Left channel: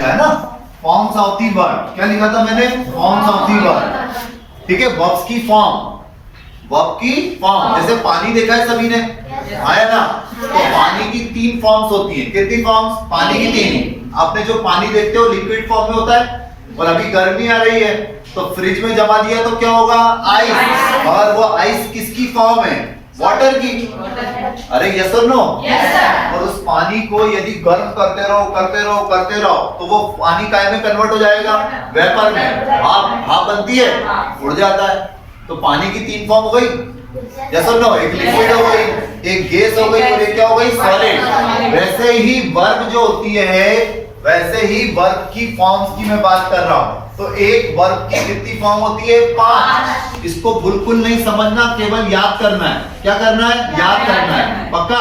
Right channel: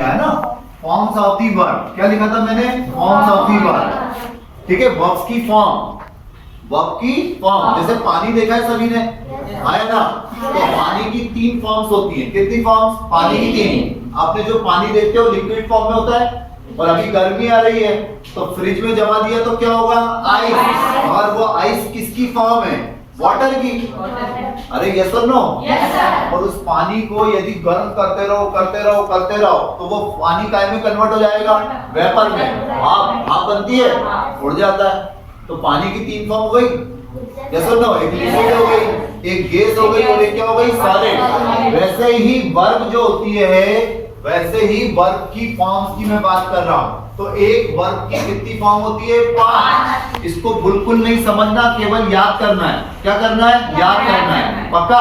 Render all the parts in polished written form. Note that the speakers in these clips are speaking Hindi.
है ना, फॉर्म्स ऑफ दी वर्ब। क्या लिखा था मैंने? Forms of the verb. ठीक है, वर्ब्स की फॉर्म, वर्ब की फॉर्म। जैसे पानी देखा है सभी ने, आया ना? तो पानी की 3 फॉर्म्स होती हैं। कितनी फॉर्म्स? पानी की 3। आपने जो पानी देखते हो लिक्विड फॉर्म में होता है, और अभी गर्मी आ रही है तो फ्रिज में जमा दिया तो क्या होगा? आइस। और वो आइस किसकी फॉर्म है? वाटर की। अरे यस और नो? और उस पानी को यदि गर्म करते रहो करते रहो करते रहो तो वो पानी काय में कन्वर्ट हो जाएगा? वेपर में। भाप बनती है, उड़ जाता है। तो पानी की 3 फॉर्म हो गई, यस और नो? एक लिक्विड हो गई, एक गैस हो गई, और एक क्या हो गई? सॉलिड। वैसे ही वर्ब जो होती है, वैसे ही वर्ब की फॉर्म्स की मैं बात कर रहा हूं। तो एक वर्ब की कितनी फॉर्म होती है? 5। इसको बिल्कुल नहीं समझना, केवल याद करना है। क्या करना है? याद करना है। पक्का?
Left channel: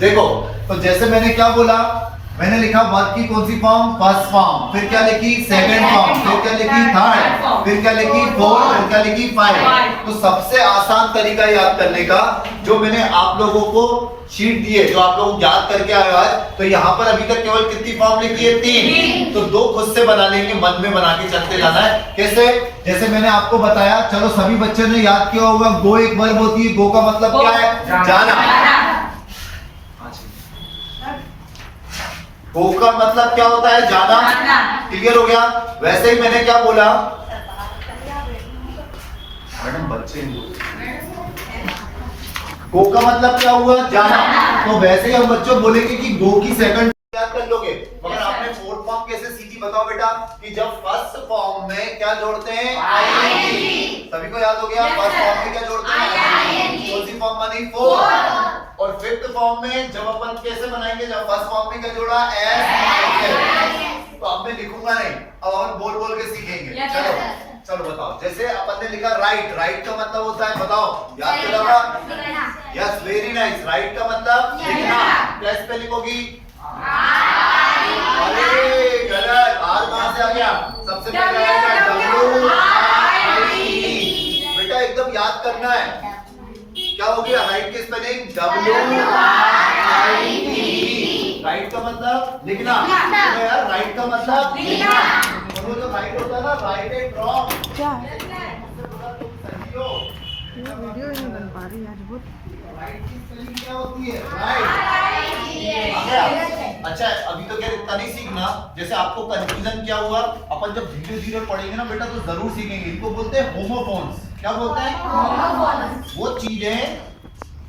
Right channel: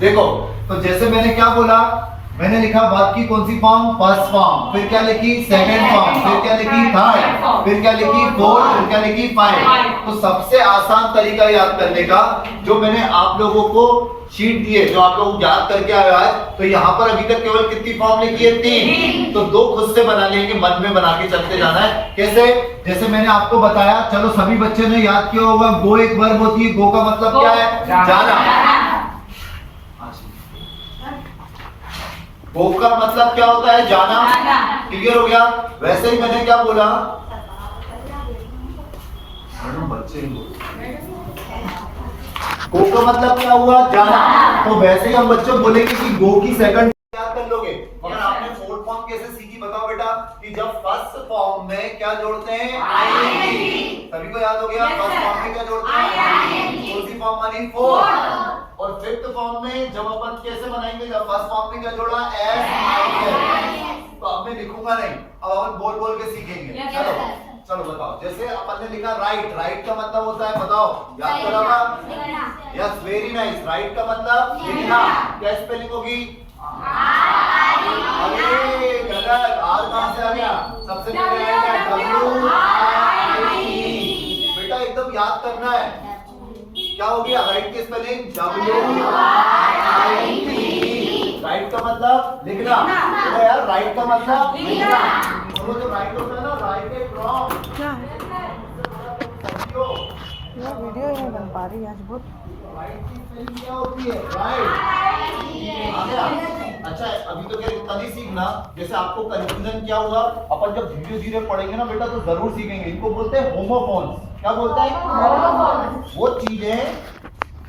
देखो, तो जैसे मैंने क्या बोला, मैंने लिखा वर्ब की कौन सी फॉर्म? First form. फिर क्या लिखी? Second form. फिर क्या लिखी? थर्ड। फिर क्या लिखी? फोर्थ। और क्या लिखी? 5। तो सबसे आसान तरीका याद करने का, जो मैंने आप लोगों को शीट दी है, जो आप लोग याद करके आए आज, तो यहाँ पर अभी तक केवल कितनी फॉर्म लिखी है? 3। तो 2 खुद से बना लेंगे, मन में बना के चलते जाना है। कैसे? जैसे मैंने आपको बताया, चलो सभी बच्चे ने याद किया होगा, गो एक वर्ब होती है। गो का मतलब क्या है? जाना। गो का मतलब क्या होता है? जाना। क्लियर हो गया? वैसे ही मैंने क्या बोला, मैडम बच्चे गो का मतलब क्या हुआ? जाना। तो वैसे ही हम बच्चों बोलेंगे कि गो की सेकंड याद कर लोगे, मगर आपने फोर्थ फॉर्म कैसे सीखी बताओ बेटा? कि जब फर्स्ट फॉर्म में क्या जोड़ते हैं? आईएनजी। सभी को याद हो गया? फर्स्ट फॉर्म में क्या जोड़ते हैं? आईएनजी। कौन सी फॉर्म बनी? फोर्थ। और फिफ्थ फॉर्म में जब अपन कैसे बनाएंगे? जब फर्स्ट फॉर्म में क्या जोड़ा? एस। तो अब मैं लिखूंगा नहीं, अब अपन बोल बोल के सीखेंगे। चलो चलो बताओ। जैसे अपन ने लिखा राइट, राइट का मतलब होता है, बताओ, याद करा होगा? Yes, very nice. राइट का मतलब लिखना। क्या स्पेलिंग होगी? अरे गलत, आर कहां से आ गया? सबसे पहले आएगा WRIT। बेटा एकदम याद करना है। क्या हो गया? राइट की स्पेलिंग WRIT। राइट का मतलब लिखना। तो यार राइट का मतलब लिखना। तो राइट होता है ना, राइट ए फ्रॉम। क्या है? वीडियो नहीं बन पा रही आज बहुत। राइट की स्पेलिंग क्या होती है? राइट। आ गया? अच्छा, अभी तो क्या इतना नहीं सीखना। जैसे आपको कंफ्यूजन क्या हुआ, अपन जब धीरे धीरे पढ़ेंगे ना बेटा तो जरूर सीखेंगे। इनको बोलते हैं होमोफोन्स। क्या बोलते हैं? होमोफोन्स। वो चीजें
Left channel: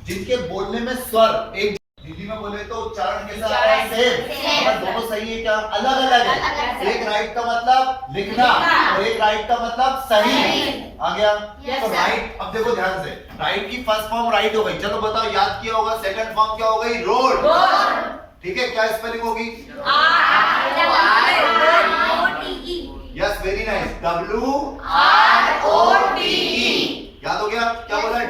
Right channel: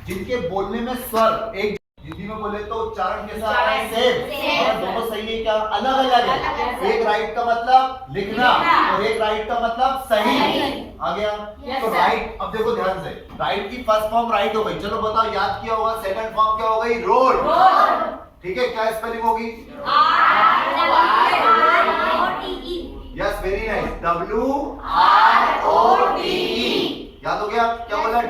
जिनके बोलने में स्वर एक, हिंदी में बोले तो उच्चारण कैसा है? सेम। और दोनों सही है क्या? अलग अलग है। एक राइट का मतलब लिखना और एक राइट का मतलब सही। आ गया? तो राइट, अब देखो ध्यान से, राइट की फर्स्ट फॉर्म राइट हो गई। चलो बताओ, याद किया होगा। सेकंड फॉर्म क्या हो गई? रोड। ठीक है, क्या स्पेलिंग होगी? Yes, very nice, WROTE। याद हो गया? क्या बोला?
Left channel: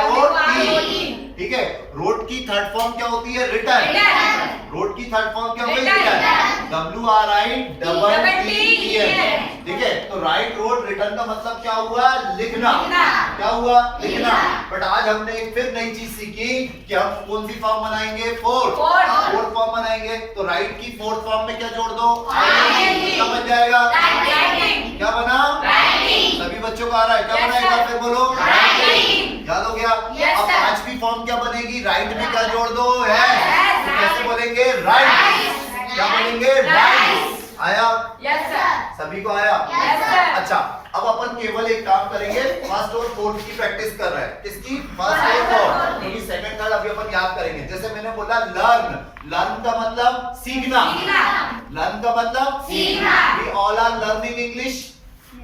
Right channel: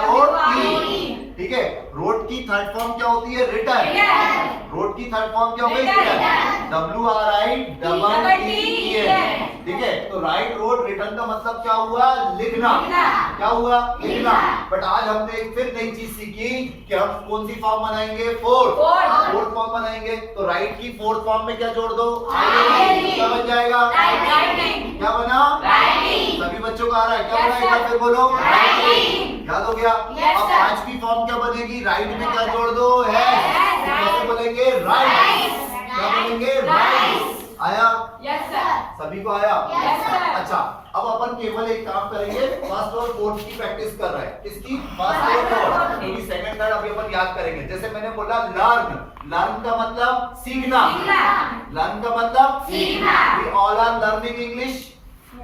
WROTE। ठीक है। रोड की थर्ड फॉर्म क्या होती है? रिटर्न। रोड की थर्ड फॉर्म क्या हो गई? रिटर्न। WRITTEN। ठीक है। तो राइट, रोड, रिटर्न का मतलब क्या हुआ? लिखना। क्या हुआ? लिखना। बट आज हमने एक फिर नई चीज सीखी कि हम कौन सी फॉर्म बनाएंगे? फोर्थ फॉर्म बनाएंगे। तो राइट की फोर्थ फॉर्म में क्या जोड़ दो? क्या बन जाएगा? क्या बना? सभी बच्चों का आ रहा है? क्या बना? एक बार फिर बोलो। याद हो गया? अब पांचवी फॉर्म क्या बनेगी? राइट में क्या जोड़ दो? है। कैसे बोलेंगे? राइट। क्या बोलेंगे? राइट। आया? Yes sir. सभी को आया? Yes sir. अच्छा, अब अपन केवल एक काम करेंगे, फर्स्ट और फोर्थ की प्रैक्टिस कर रहे हैं। किसकी? फर्स्ट और फोर्थ। क्योंकि सेकंड थर्ड अभी अपन याद करेंगे। जैसे मैंने बोला लर्न, लर्न का मतलब सीखना। लर्न का मतलब सीखना। We all are learning English.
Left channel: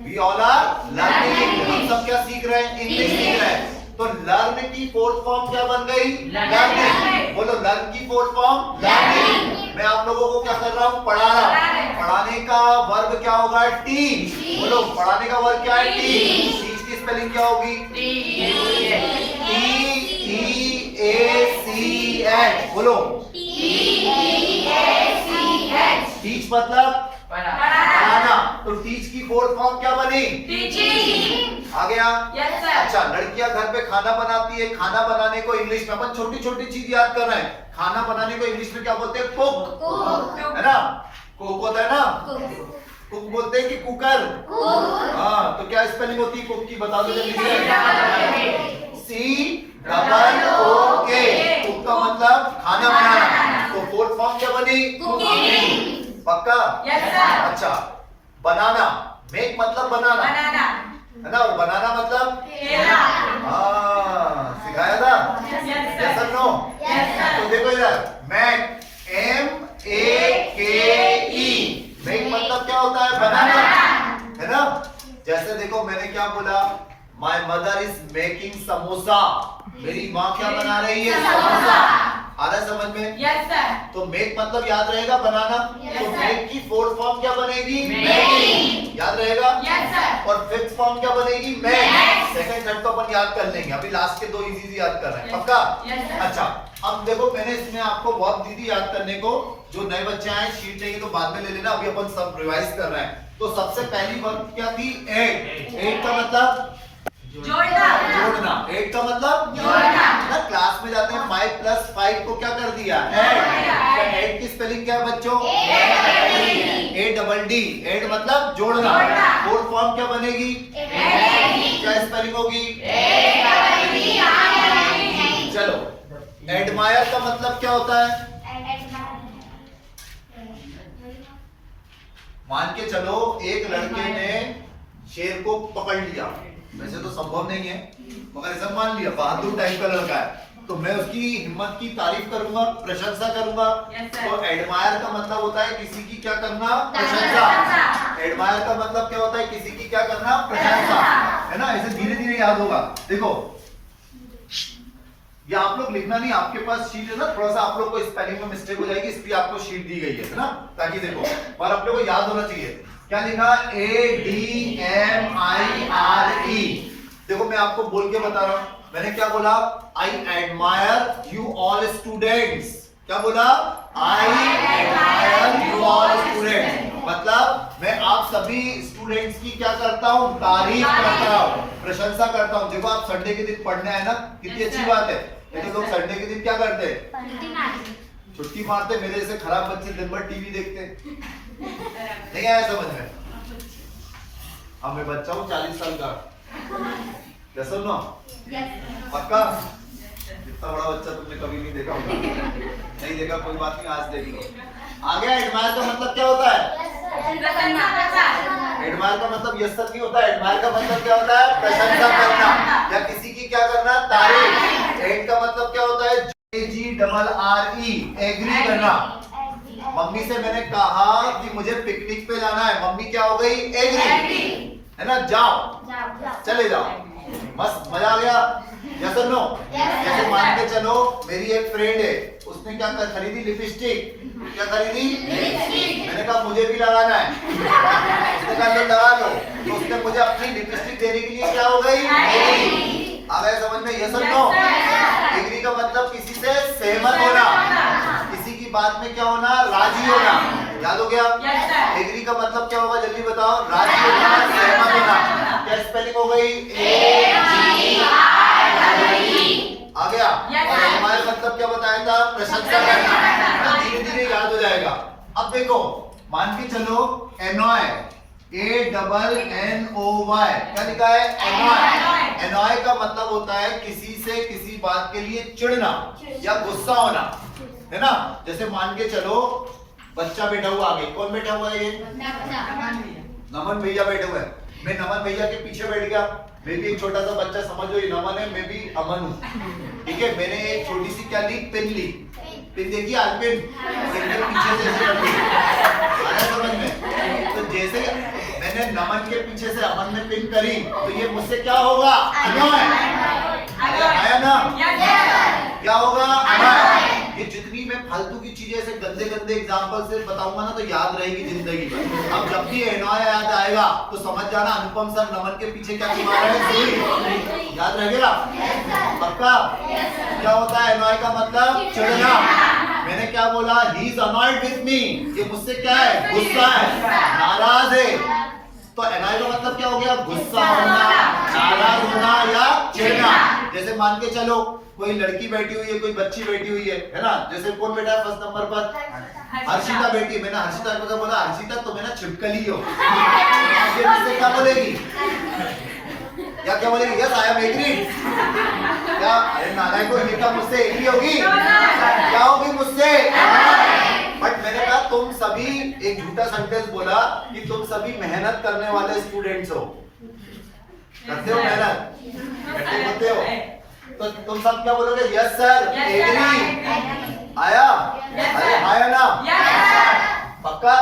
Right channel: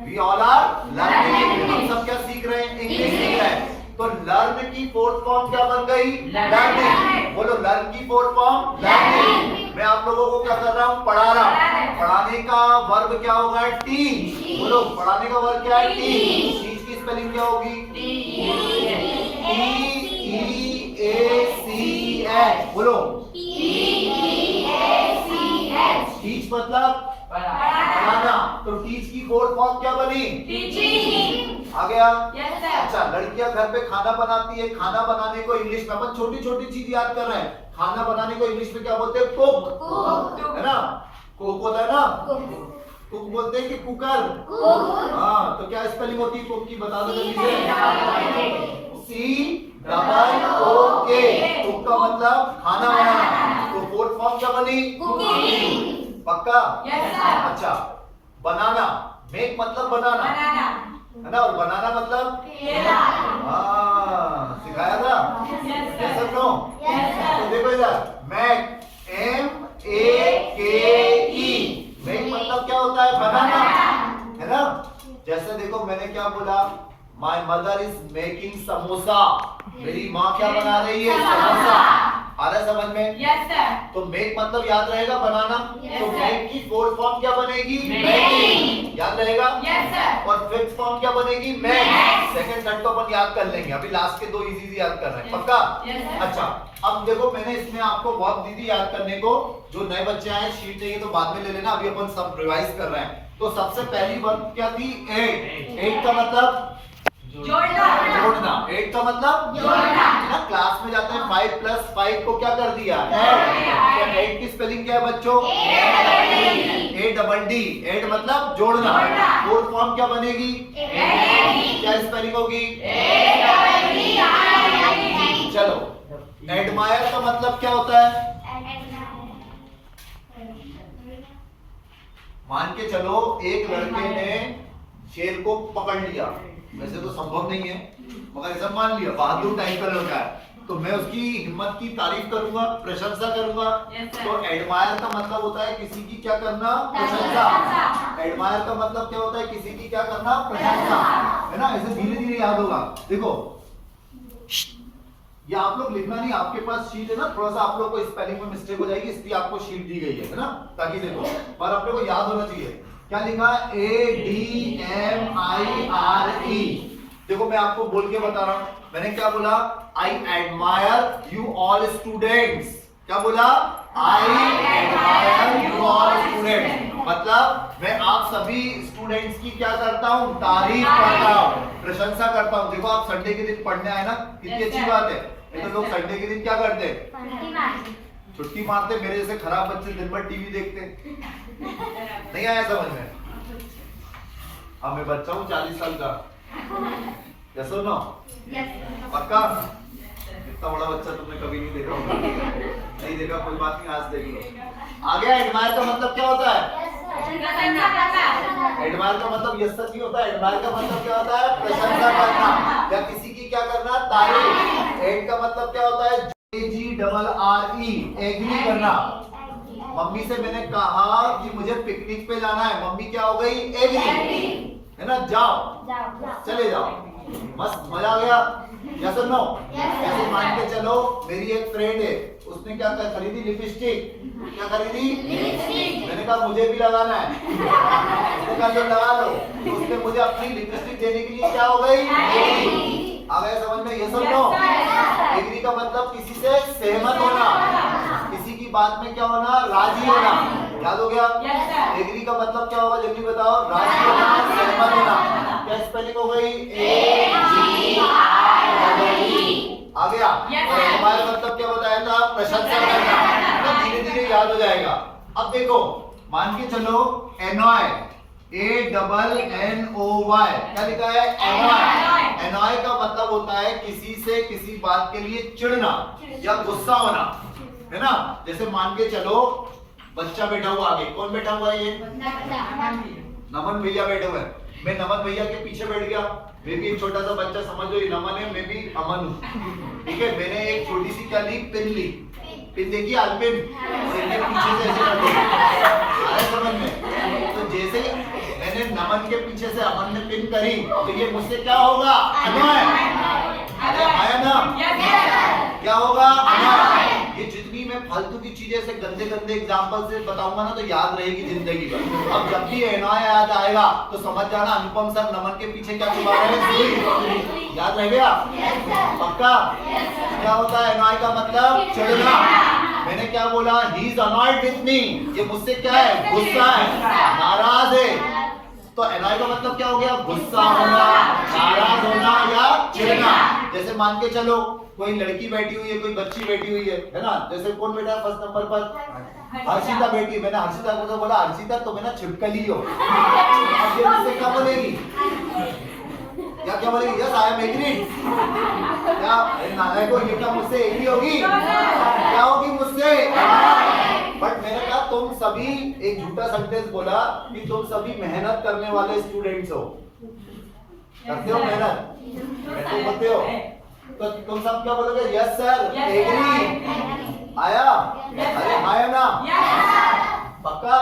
We all are learning English. हम सब क्या सीख रहे हैं? इंग्लिश सीख रहे हैं। तो लर्न की फोर्थ फॉर्म क्या बन गई? लर्निंग। बोलो, लर्न की फोर्थ फॉर्म लर्निंग। मैं आप लोगों को क्या कर रहा हूँ? पढ़ा रहा हूँ। पढ़ाने का वर्ब क्या होगा? टीच। बोलो, पढ़ाने का वर्ब क्या है? टीच। टीच की स्पेलिंग क्या होगी? TEACH। बोलो, टीच मतलब पढ़ाना। तो टीच की फोर्थ फॉर्म क्या बनी? टीचिंग। आ गया? Yes sir. अच्छा, लड़कियां घर पे खाना बनाती है। खाना बनाने को इंग्लिश में अपन छोटी छोटी चीज याद कर रहे हैं। खाना बनाने को इंग्लिश में क्या बोलते हैं? कुक। है ना? कुक होता है ना, कुक बोलते हैं कि कुकर। हाँ, तो क्या स्पेलिंग होती है कुक की, बता दो जल्दी से। COOK। कुक का मतलब खाना बनाना। तो फोर्थ फॉर्म क्या बनी? कुकिंग। पक्का? Yes sir. अच्छा, बनाना, मेक मतलब बनाना बनाना है ना, और बनाना मतलब खेलना। हाँ, सिखाया था। Yes yes sir. और नो? Yes sir. तो देखो इधर, मैक MAKE, मेक मतलब क्या होता है? बनाना, है ना। जैसे देखो मैंने क्या बोला, my mother is making samosa, मेरी माँ क्या बना रही है? समोसा। आ रहा है समझ में? Yes sir. तो मेक मतलब याद रहेगा बनाना। Yes, तो sir. मेक की फोर्थ फॉर्म क्या बनेगी? Making। याद रहेगा? Yes sir. और फिफ्थ फॉर्म क्या बनेगी? मेक। Make। सेकंड थर्ड तो अपन याद कर लेंगे, अभी लास्ट के दो इजी याद कर रहे हैं। Yes, पक्का? yes, sir. अच्छा, अब देखो मैंने इसमें आपको बहुत दी थी याद करने को। जो नए बच्चे आए शीट लेंगे तो बाद में ले लेना, अभी अपन सब रिवाइज कर रहे हैं। तो सबसे पहली वर्ब क्या थी? ऐड। ऐड का मतलब जोड़ना। जोड़ना। ऐड का मतलब जोड़ना। ना, क्लास में जाते हैं 5 + 5 को क्या कर दिया? ऐड। ऐड की स्पेलिंग क्या है बच्चों? ADD। ऐड मतलब जोड़ना। जोड़ना। फोर्थ फॉर्म क्या बनेगी? क्या स्पेलिंग होगी? चलो, एडमायर का मतलब क्या होता है? मान के चलो एक लड़के ने शेर को पकड़ लिया, वैसे तो संभव नहीं है मगर ऐसा मान लिया, बहादुर टाइप का लड़का है, तो मैं उसकी हिम्मत की तारीफ करूंगा, प्रशंसा करूंगा। Yes, sir. तो एडमायर का मतलब होता है किसी की क्या करना? प्रशंसा। एडमायर का मतलब क्या होता है? किसी की क्या करना? प्रशंसा, है ना। ऐसे धीरे धीरे याद होगा। देखो ये आप लोग लिखना नहीं, आपके पास शीट है ना, थोड़ा सा आप लोग को स्पेलिंग में मिस्टेक हो जाएगी, इसलिए आपको शीट दी गई है ना, ताकि देखो और आप लोग को याद होना चाहिए। क्या लिखा? ADMIRE। देखो मैं आपको बोल के बता रहा हूं, मैंने क्या बोला? I admire you all students. क्या बोला? I admire you all students, मतलब मैं आप सभी स्टूडेंट्स की क्या करता हूं? तारीफ करता हूं, प्रशंसा करता हूं। देखो आप संडे के दिन पढ़ने आए ना, कितनी अच्छी बात है। नहीं तो लोग संडे के दिन क्या करते हैं? छुट्टी मारते। मेरे जैसे खराब बच्चे दिन भर टीवी देखते। नहीं आया समझ में? हाँ, मैं बच्चा हूँ 40 साल का। क्या सुनो? पक्का? इतना बड़ा बच्चा तुमने कभी नहीं देखा होगा। नहीं देखा, कोई बात नहीं, आज देख लो। आ गया। एडमायर का मतलब क्या होता है? एडमायर का मतलब यस सर नहीं होता है। एडमायर का मतलब क्या होता है? प्रशंसा करना या किसी की क्या करना? तारीफ। एड का मतलब क्या होता है? AGRRE, एग्री करना। मम्मी से मैंने कहा कि मुझे पिकनिक पे जाना है, मम्मी क्या हो गई? एग्री, है ना। जाओ, चले जाओ, मस्त, मजा आ गया। यस और नो? जैसे मान के चलो मेरी एक फ्रेंड है, उसने क्या खरीदी? लिपस्टिक। क्या खरीदी? लिपस्टिक। मैंने कहा मुझे भी लगाना है, उसने कहा लो लगा लो, तो उसने मुझे अपनी लिपस्टिक देने के लिए क्या हो गई? एग्री। आ गया समझ में? यस और नो? एग्री का मतलब किसी से सहमत होना, किसी की बात में क्या होना? राजी होना। याद हो गया? एग्री का मतलब क्या होगा? जल्दी बताओ। राजी होना, सहमत होना। क्या स्पेलिंग हो गई? AGRRE। आ गया। और हमारे मतलब क्या बताया था? प्रशंसा करना। धीरे धीरे याद हो जाएगा। अब देखो मान के चलो एनॉय, ANNOY, क्या लिखा है? एनॉय। एनॉय का मतलब होता है किसी से किसी बात के लिए चिढ़ना या गुस्सा होना, है ना। जैसे मान के चलो बच्चा बैठा हुआ आगे, कौन बैठा हुआ है? ये नमन भैया बैठे हुए हैं। मैं नमन भैया के पीछे बैठ गया, मैं भी एक छोटा सा बच्चा, समझ लो ये नमन है, मैं भी अमन हूँ, ठीक है। मैंने एक छोटी सी क्या ली? पिन ली। पिन देखिए आज पिन, पीछे से ऐसे रख दी। आया समझ में? तो जैसे मैंने नमन के पीछे से अमन ने पिन करी, तो ये मुझसे क्या होगा? अनॉय। आया ना? क्या होगा? अनॉय। ये जितनी मैं फालतू की चीजें ऐसे गंदे गंदे एग्जांपल से बताऊंगा ना, तो याद रहेगी जिंदगी भर। अब जब भी एनॉय याद आएगा तो समझ जाना अनुपम सर नमन के पीछे क्या छुपा रहे हैं? सुई। याद रह गया? पक्का? क्या होता है एनॉय का मतलब? चिढ़ना। मैंने क्या बोला? He is annoyed with me, ये मुझसे क्या है? गुस्सा है, नाराज है। तो एनॉय का मतलब क्या हो गया? गुस्सा होना, नाराज होना या चिढ़ना। जैसे मान के चलो कोई लड़की बैठी हुई है, कोई बच्ची बैठी हुई है ना। जैसे कौन बैठा है फर्स्ट नंबर पर? हर्षिता बेटी, मैंने हर्षिता को बोला हर्षिता तुम है ना छिपकली हो, अब ये मुझसे क्या बोलेगी, या क्या बोलेगी, यस आई एम एग्री, क्या नालायक को ये क्या मुझसे एग्री होगी, क्या होगी मुझसे, बट मैंने कहा तुम सभी, एक झूठा सेंटेंस बोला कि तुम सभी मेहनत करने वाले स्टूडेंट्स हो, करते हो मेहनत, करते हो, तो तुम सब क्या बोलोगे, यस सर एग्री, आया, अरे आया ना, पक्का,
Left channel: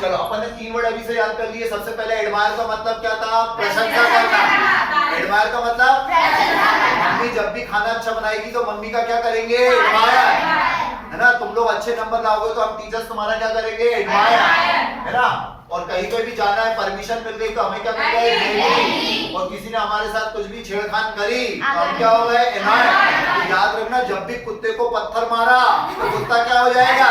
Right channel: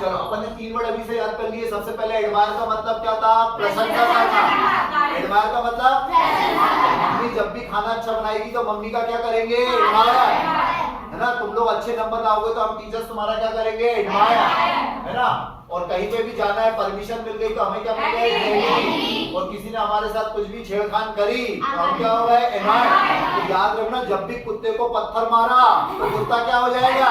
चलो अपन ने 3 वर्ड अभी से याद कर लिए। सबसे पहले एडमायर का मतलब क्या था, प्रशंसा करना, एडमायर का मतलब, मम्मी जब भी खाना अच्छा बनाएगी तो मम्मी का क्या करेंगे, एडमायर, है ना, तुम लोग अच्छे नंबर लाओगे तो हम टीचर्स तुम्हारा क्या करेंगे, एडमायर, है ना, और कहीं पे भी जाना है परमिशन मिल गई तो हमें क्या मिल गई, और किसी ने हमारे साथ कुछ भी छेड़खान करी तो हम क्या हो गए, एडमायर, तो याद रखना जब भी कुत्ते को पत्थर मारा तो कुत्ता क्या हो जाएगा,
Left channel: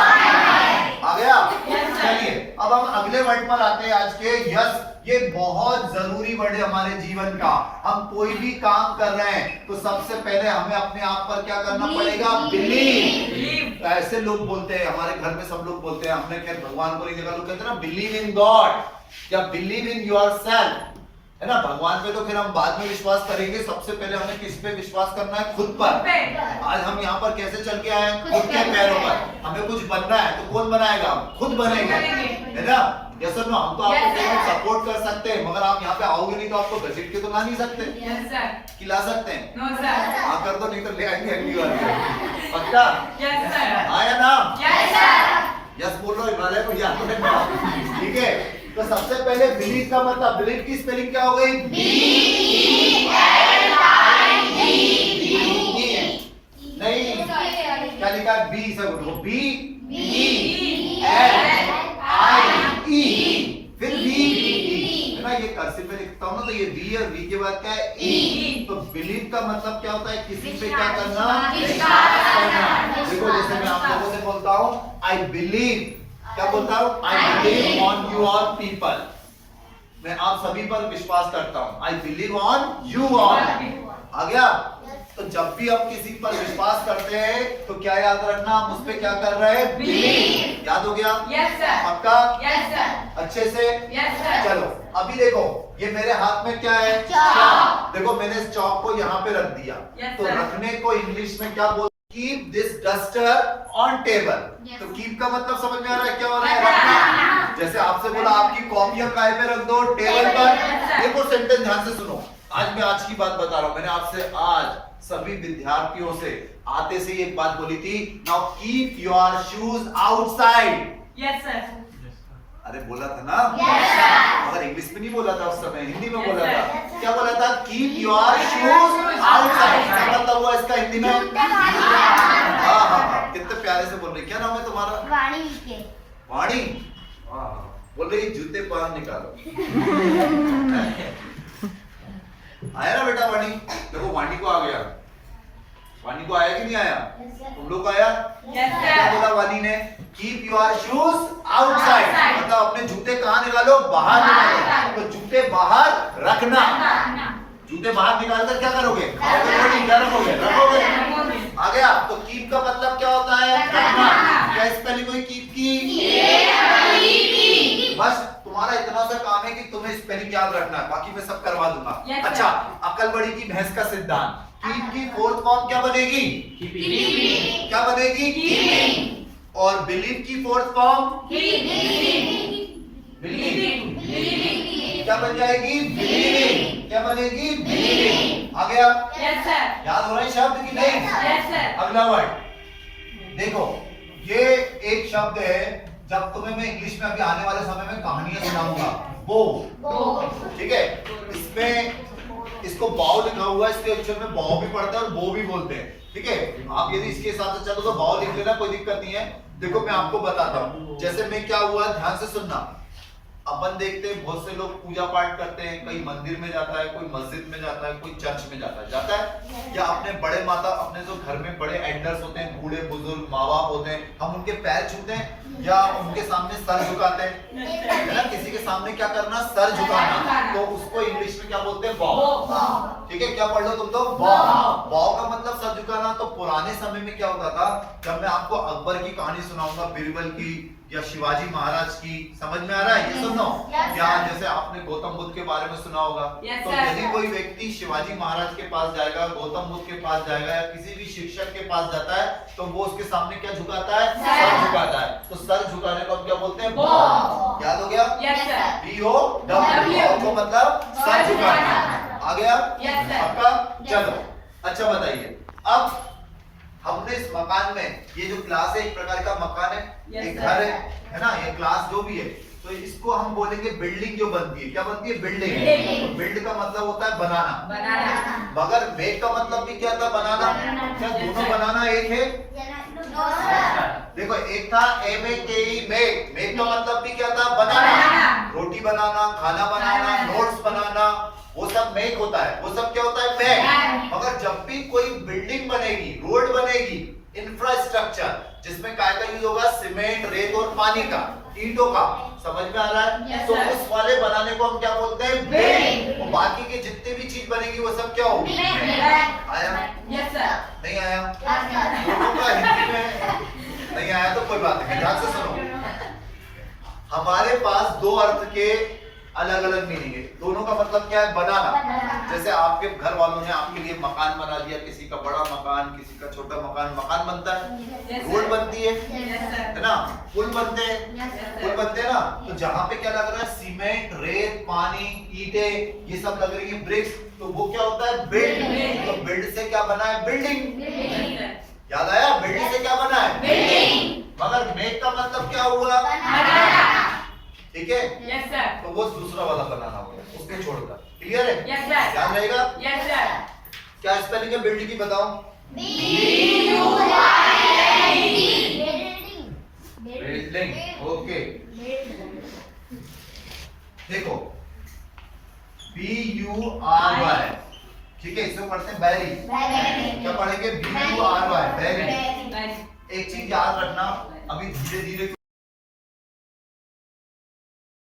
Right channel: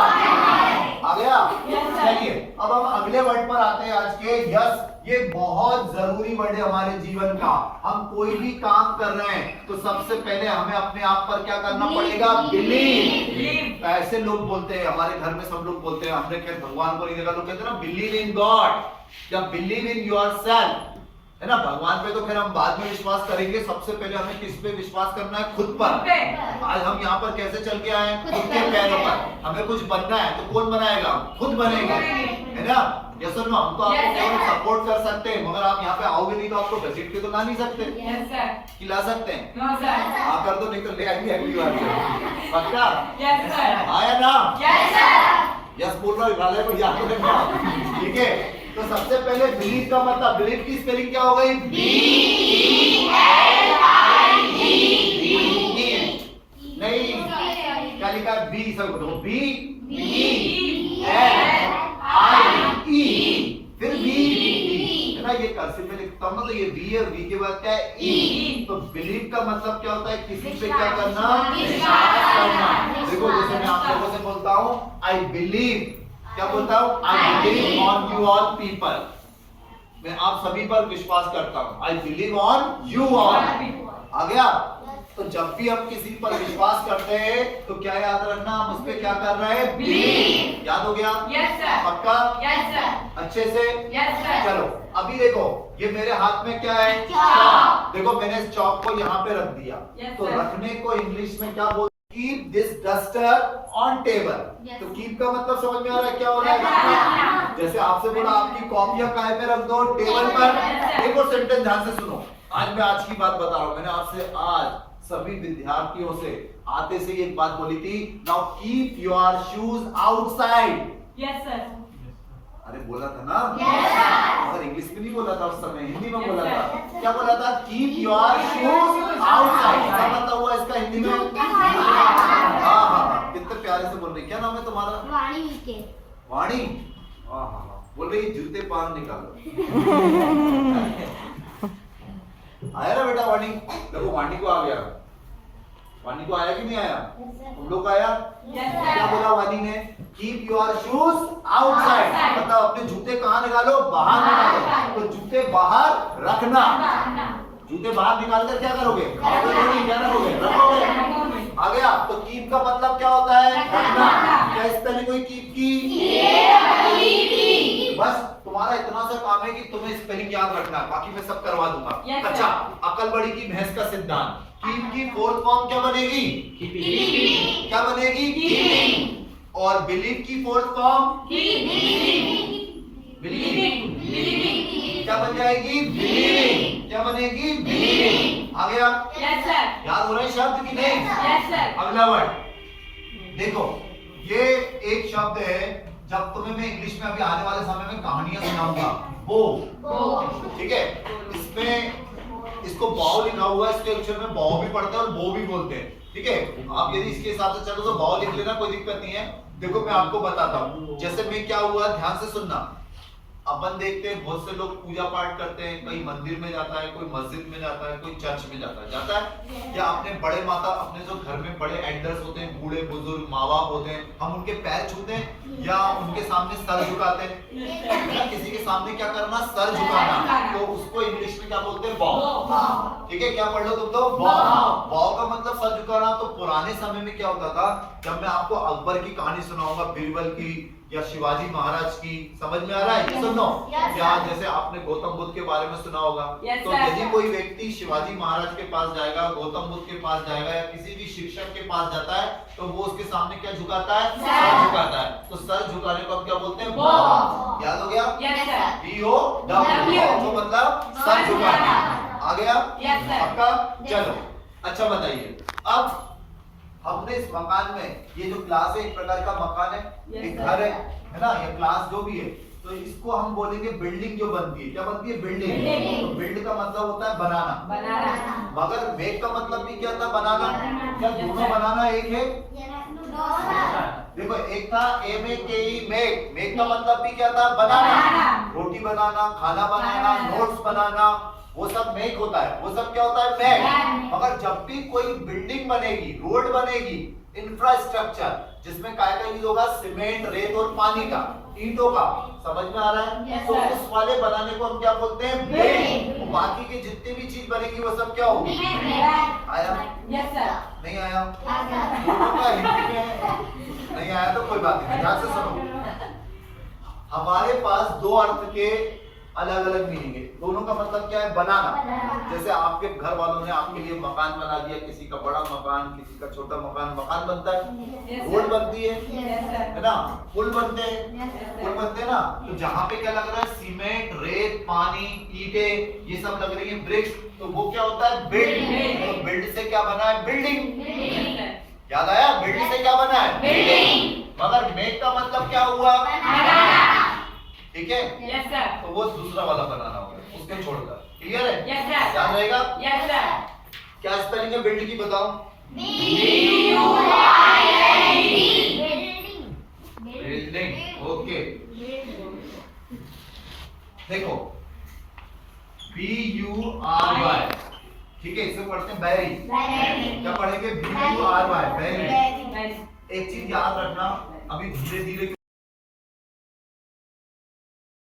आ गया। चलिए अब हम अगले वर्ड पर आते हैं आज के, यस, ये बहुत जरूरी वर्ड है हमारे जीवन का। हम कोई भी काम कर रहे हैं तो सबसे पहले हमें अपने आप पर क्या करना पड़ेगा, बिलीव। ऐसे लोग बोलते हैं, हमारे घर में सब लोग बोलते हैं, हमने खैर भगवान को नहीं देखा, लोग कहते हैं ना बिलीव इन गॉड या बिलीव इन योरसेल्फ, है ना, भगवान पे तो फिर हम बाद में विश्वास करेंगे, सबसे पहले हमें किस पे विश्वास करना है, खुद पर। आज हम यहाँ पर कैसे चल के आए, खुद के पैरों पर, हमें कुछ बनना है तो कौन बनाएगा, खुद बनेंगे, है ना, यस और नो, हम तो आपको सपोर्ट कर सकते हैं, मगर आप यहाँ पे आओगे नहीं तो आपको घसीट के तो ला नहीं सकते, खिला सकते हैं, हाँ कर दो, नहीं तो ले आएंगे अगली बार, पक्का, आया ना, यस बोल रहा हूँ, हिमालय को याद रखना, ठीक है। तो सबसे पहले बिलीव का मतलब, बिलीव की स्पेलिंग क्या हो गई, नहीं, क्या लिखा है, बी, सब उठो, बी एल आई ई, फिर बी, है ना, ये कर्सिव में लिखता हूँ ना, तो ये बी और बी के बाद क्या है, ई, तो बिलीव का मतलब क्या होता है, किसी पे क्या करना, विश्वास करना। देखो जैसे मैं आप लोगों से बोलता हूँ आई बिलीव, क्या बोलता हूँ, I believe on you all people, मैं आप सभी पर विश्वास करता हूँ, I believe on you all, आ गया। तो जब भी हम किसी पर विश्वास करते हैं तो क्या याद रखना, हम उस पे क्या कर रहे हैं, बिलीव, याद हो गया, यस सर, पक्का, यस सर, अच्छे से, यस सर। चलो अभी देखो ये मेरे हाथ में क्या है, चॉक, देखो मैंने इस चॉक को यहाँ पे रख दिया, तो रखने को इंग्लिश में क्या बोलते, keep this duster on table, तो कीप का मतलब समझ में आ रहा है, क्या हो रहा है, रखना, जैसे आपसे बोला आपकी कॉपियां काय पे रख दो, टेबल पर। देखो सेंटेंस ध्यान से सुनो, आज मैं आज की बात बता रहा हूँ, मैंने आपसे आज सभी विद्यार्थियों से आते से एक बात बोली थी, now keep your shoes outside, yes sir, अरे बोला था ना, अगर इंग्लिश में नहीं बोला था उस समय, हिंदी में बोला था, क्या बोला था, कीप योर शूज आउटसाइड, क्या मतलब हुआ इसका हिंदी में, हाँ हाँ, कितने प्यारे से बोल रही, क्या नाम है तुम्हारा, वाणी के, वाणी, हाँ बोल रही जूते बाहर निकालो, आया ना बेटा वाणी, देखो वाणी को आ गया, वाणी को आया कि नहीं आया, तुम लोग आया, क्या बोला वाणी ने, कीप योर शूज आउटसाइड, मतलब अपने जूते कहाँ निकालो, बाहर निकालो, तो जूते बाहर रखना, जूते बाहर निकाल कर क्या करोगे, क्या रखोगे, रखोगे, आ गया। तो कीप का मतलब क्या होता है, रखना, क्या स्पेलिंग हुई कीप की, बस तुम्हारा इतना सा काम है कि तुम्हें स्पेलिंग याद रखना है, बाकी मैं सब करवा दूंगा। अच्छा, अकल बड़ी की भैंस का सिद्धांत, कीप की फोर्थ फॉर्म क्या बनेगी, क्या बनेगी, कीपिंग, और बिलीव की फोर्थ फॉर्म, बिलीविंग, क्या बन जाएगी, बिलीविंग, क्या बनेगी, बिलीविंग, आ गया, यस सर, याद हो रहे हैं शब्द की नहीं, यस सर। अगला वर्ड देखो, ये एक शब्द है, जब तुम्हें मैं इंग्लिश में अभी आने वाले समय में कहानियां सुनाऊंगा, बो, ठीक है, इसमें इसको बाव लिखा हुआ है, इसके अक्षर में बाव भी पढ़ते हैं और बो भी बोलते हैं, ठीक है, आप यदि इसके हिसाब से चलो तो बाव लिख लेना, कोई दिक्कत नहीं है। देखो मैं आपको बताता हूँ, जैसे मैं क्या हुआ, ध्यान से सुनना, अपन देखते हैं बहुत से लोग पूजा पाठ करते हैं, कई मंदिर में जाता है, कोई मस्जिद में जाता है, कोई चर्च में जाता है या अपने बड़े माता, अपने जो घर में बड़े एल्डर्स होते हैं, बूढ़े बुजुर्ग माँ बाप होते हैं, हम उनके पैर छूते हैं या उनके सामने सर झुकाते हैं, है ना। किसी के सामने क्या करना, सर झुकाना, तो उसको इंग्लिश में क्या बोलते हैं, बॉव। ठीक है, क्या पढ़ लो तुम तो, बॉव। बॉव का मतलब सर झुकाना। तो पुराने समय में क्या होता था, जब मैं आपको अकबर की कहानी सुनाऊंगा, बीरबल की या शिवाजी महाराज की, समझ में आ रहा है, ये सुनो, या जैसे आपने गौतम बुद्ध के बारे में सुना होगा, तो यदि कोई व्यक्ति शिवाजी महाराज के पास जाएगा, गौतम बुद्ध के पास जाएगा या किसी भी शिक्षक के पास जाता है, तो वो उसके सामने क्या झुकाता है, सर झुकाता है। तो सर झुकाने को हम क्या बोलते हैं, बॉव। याद हो गया, B-O-W, तो मतलब सर झुकाना। आ गया, पक्का? चलो, अच्छा बताइए, अब हमने इस मकान में, ये जो क्लास है एक प्रकार का मकान है, एक घर है ना, ये क्लास जो भी है, तो इसको हम बोलेंगे बिल्डिंग जो बनती है, क्या बनती है, बिल्डिंग। तो बिल्ड का मतलब होता है बनाना, मगर मेक का मतलब भी क्या था, बनाना। क्या दोनों बनाना एक है? देखो, एक था M-A-K-E, मेक। मेक का मतलब भी क्या था, बनाना, रोटी बनाना, खाना बनाना, नोट्स बनाना, वो सब मेक होता है, वो सब क्या होता है, मेक। मगर जब भी कोई बिल्डिंग बनेगी, रोड बनेगी, इंफ्रास्ट्रक्चर, जिसमें काय का यूज होगा, सीमेंट, रेत और पानी का, ईंटों का, समझ में आ रहा है? तो उस वाले बनाने को हम क्या बोलते हैं, बिल्डिंग। और बाकी के जितनी भी चीज बनेगी वो सब क्या होगी, आया? नहीं आया? दोनों का हिंदी में नहीं आया तो कोई बात नहीं, ध्यान से सुनो। हमारे पास दो अर्थ के अलग अलग मीनिंग है, दोनों का मतलब क्या है, बनाना। जैसे आपके घर वालों ने आपके लिए मकान बना दिया, किसी का बड़ा मकान, किसी का छोटा मकान, मकान बनता है, रोड बनती है ना, पुल बनते हैं, पुल बनते हैं ना। तो जहाँ पे क्या लग रहा है, सीमेंट, रेत, पानी, ईंटें, ये सब लग रही है, ब्रिक्स, तो वो क्या होता है, बिल्ड। तो बिल्ड से क्या बना है, बिल्डिंग। याद आया, बिल्ड से क्या बना है, बिल्डिंग। मगर मेक का मतलब क्या हुआ, ठीक है, तो वो दूसरा वाला बनाना होगा, उसको छोड़कर। क्लियर है, ध्यान रहेगा। क्या स्पेलिंग है बिल्ड की, बताओ। Building, okay. देखो, B-U-R-Y, ठीक है, इसे पढ़ते हैं बैरी। क्या पढ़ेंगे, B-U-R-Y, बैरी। एक चीज याद रखना, अभी धीरे धीरे